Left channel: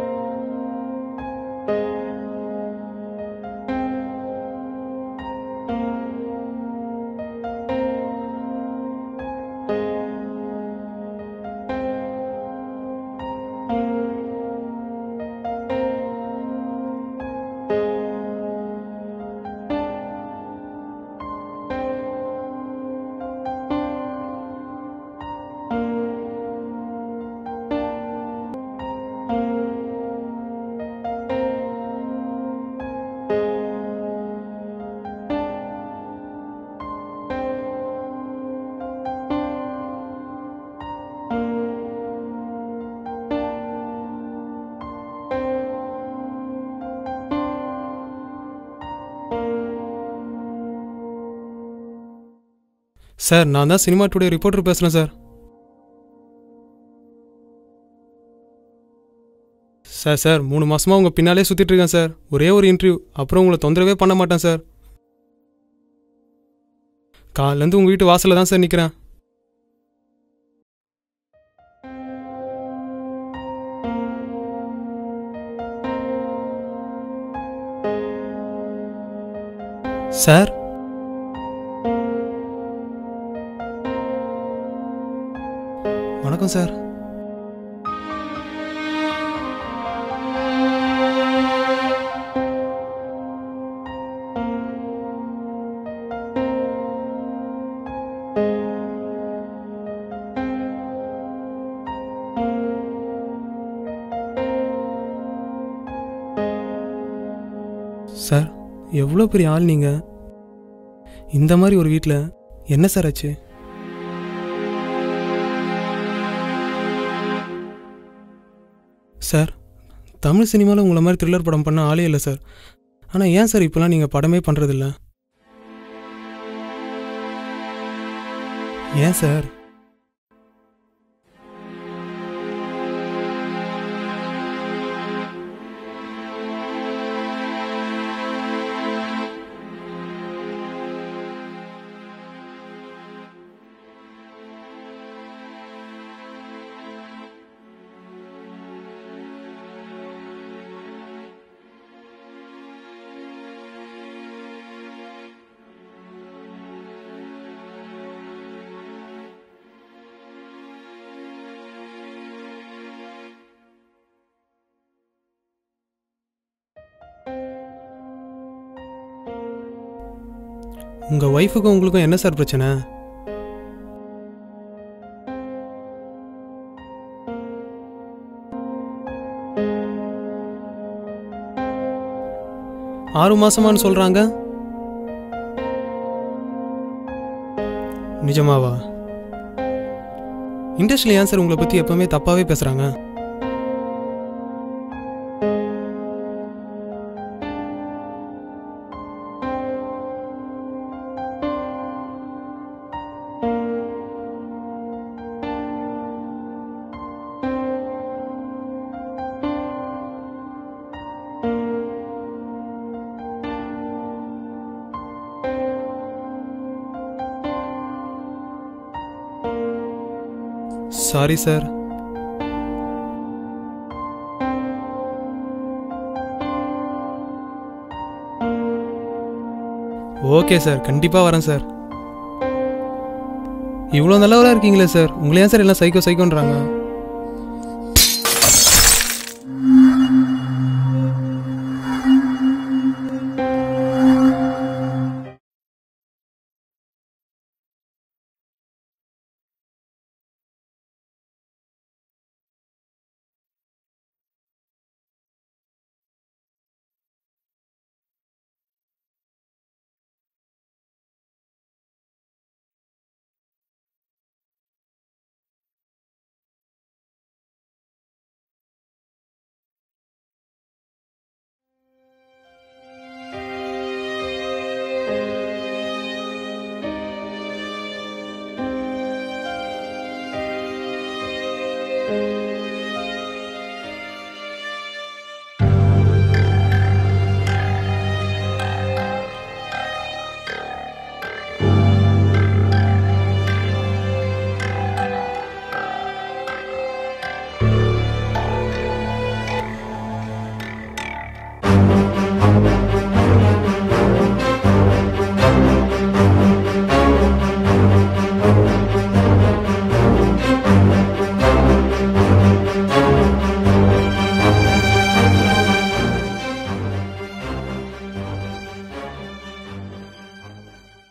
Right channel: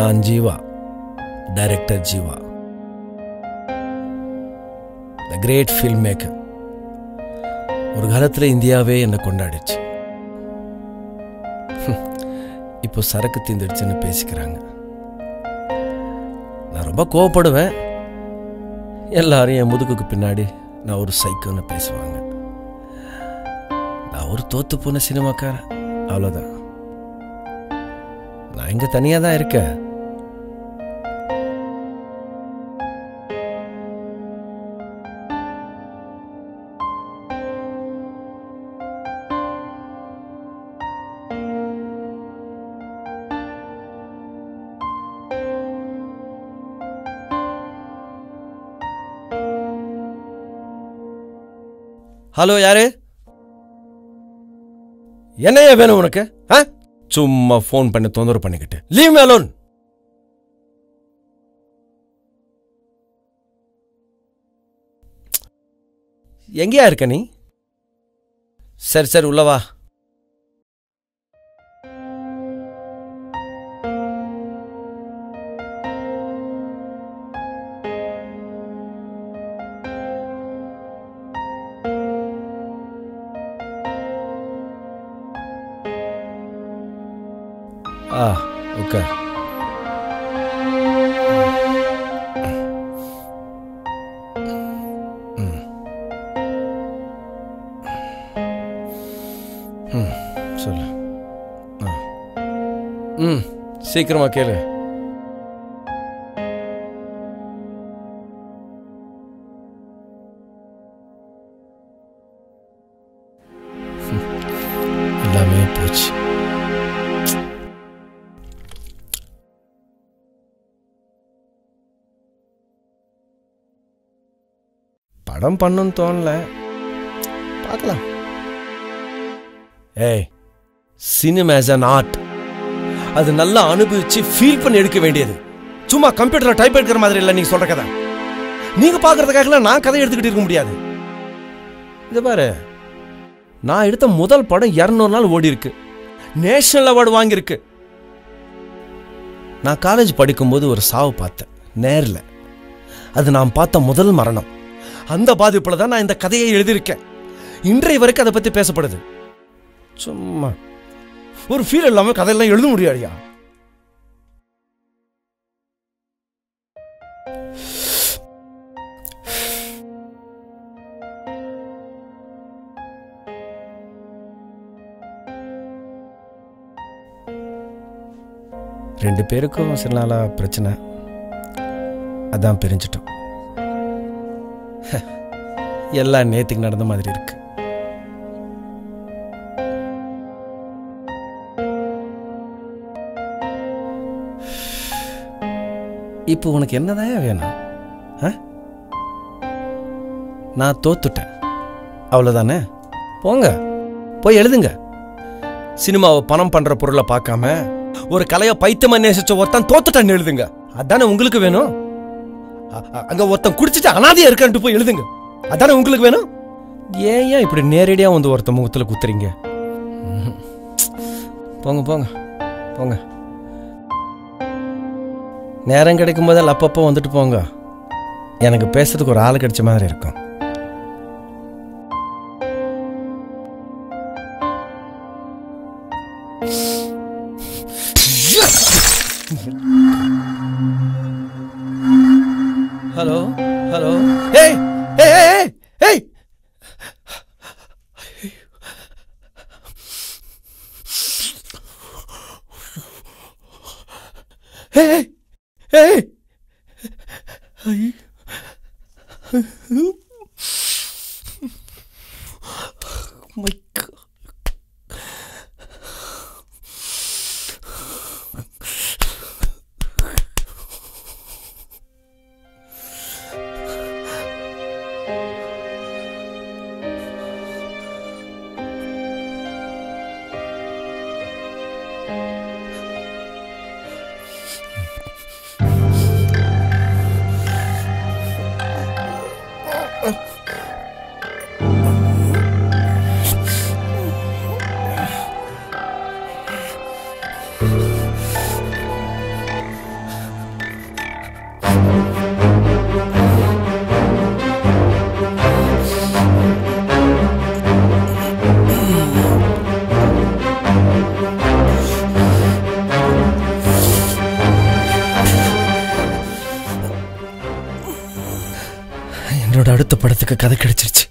நான் Jeeva, director Jeeva, the great film maker. ஒரு காலத்தில் இந்தியாவே என்னை கொண்டாடிச்சு. இப்போ சரக்கு தீந்துடுச்சுன்னு பேசிக்கிறாங்க. நான் ரொம்ப கோவப்படுவேன். எல்லாரும் என் முதுகுக்கு பின்னாடி நான் ஒரு சைக்கோன்னு பேசுவாங்க. நான் ஒரு தோத்து போன சினிமாக்காரன், அவ்வளோதான். நான் இங்கே தனியாக தான் இருக்கேன். ஹலோ, யாரு? சார், நான் தான் சினிமா டுடே ரிப்போர்ட்டர் பேசுகிறேன் சார். என்னையா வேணும் உனக்கு? சும்மா ஃபோன் பண்ணி தொந்தரவு பண்ணிக்கிட்டு லீவ் மீ அலோன். சார் 3 மாசமா உங்கள் பின்னாலே சுற்றிட்டு இருக்கேன் சார். ஒரே ஒரு இன்டர்வியூ, அப்புறம் உங்களை தொந்தரவே பண்ண மாட்டேன் சார். எங்கேயா இருக்க நீ? காலேருந்து உங்கள் வீட்டு வாசலில் தான் சார் நிற்கிறேன். சரி சரி, உள்ளவா. சார், வணக்கம் சார். ஓகே. சொல்லு. சீக்கிரமா கேளு. சார், எவ்வளோ பெரிய ஆள் நீங்கள். இந்த மாதிரி ஒரு வீட்டில் என்ன சார் ஆச்சு? எல்லாமே போச்சு சார். தமிழ் சினிமாவில் உங்களை மாதிரி த்ரில்லர் படம் பண்ண ஆளே இல்லை சார். ஆனால் ஏன் சார் இப்போலாம் நீங்கள் படமே பண்ணுறதில்ல? படம் பண்ணணும்னு தோணல, பார்க்கலாம். ஏன் சார்? ஏய், சினிமா இஸ் an art. அது நல்லா அனுபவிச்சு ஃபீல் பண்ணி எடுக்க வேண்டியது. சும்மா கம்ப்யூட்டர்ல டைப் எடுக்கிற மாதிரி இல்லை நீங்க சொல்ற கதை. நீங்க பாக்குறதுக்காக நான் கதை எடுத்துக்கிட்டு இருக்க முடியாது. இது பாரு, நான் எடுத்த முதல் படம் 200 நாள் ஓடி இருக்கு, நேஷனல் அவார்டு வாங்கியிருக்கு. நான் காலேஜ் படிக்கும்போது ஒரு சாவு பார்த்தேன் நேர்ல. அது நான் பார்த்த முதல் மரணம். அந்த பாதிப்புல தான் நான் இந்த கதையை எழுதியிருக்கேன். இன்றைய வரைக்கும் அதை பத்தி பேசப்படுது. சும்மா ஒரு ஃபீல் இல்லாம கதையெல்லாம் எழுத முடியாதுயா. உங்கள் ஒய்ஃபுக்கும் உங்களுக்கும் என்ன சார் பிரச்சனை? ரெண்டு பேருக்கும் சில நாளா பிரச்சனை, அதான் பிரிஞ்சிட்டோம். 6 மாசமானு சொல்கிறாங்க. எல்லாம் நேற்றுக்கு நடந்த மாதிரி இருக்கு. நிஜமாவா? இண்டஸ்ட்ரியில் ஏன் சார் உங்களை பற்றி எப்பவுமே தப்பாகவே பேசுகிறாங்க? இப்போ உனக்கு என்னதான் வேணும்? நான் தோத்துட்டேன், அவ்வளோதானே. போங்க, போய் எழுதுங்க. சினிமாவை பணம் பண்ற பொருளை பார்க்காம ஒரு கலையை பைத்தியமா நேசிச்ச ஒருத்தன் தோத்துட்டான்னு எழுதுங்க. அதானே உங்களுக்கு வேணும். அங்க ஒருத்தன் குடிச்சிட்டு அனாதையா இருக்கான்ட்டு போய் எழுதுங்க. அதானே உங்களுக்கு வேணும். ஏன் இப்படி நேரடியா வந்து ஒருத்தன் முகத்துல குத்துறீங்க? Sorry sir. போங்க போங்க போங்க. நேரம் கிடைக்கும் போதெல்லாம் அப்பப்போ வந்துட்டு போங்க. எனக்கு பேசுறதுக்கு ஒரு ஆள் கிடைச்ச மாதிரி இருக்கும். ஓகே சார், கண்டிப்பாக வரேன் சார். இவ்வளோ நல்லவராக இருக்கீங்களே சார், உங்களே ஏன் சார் எல்லாம் சைக்கோ சைக்கோன்றாங்க? Hello hello. ஏய் ஏய் ஏய் ஏய் ஏய் ஏய் ஏய். My God. படத்துக்கு கதை கிடைச்சிருச்சு.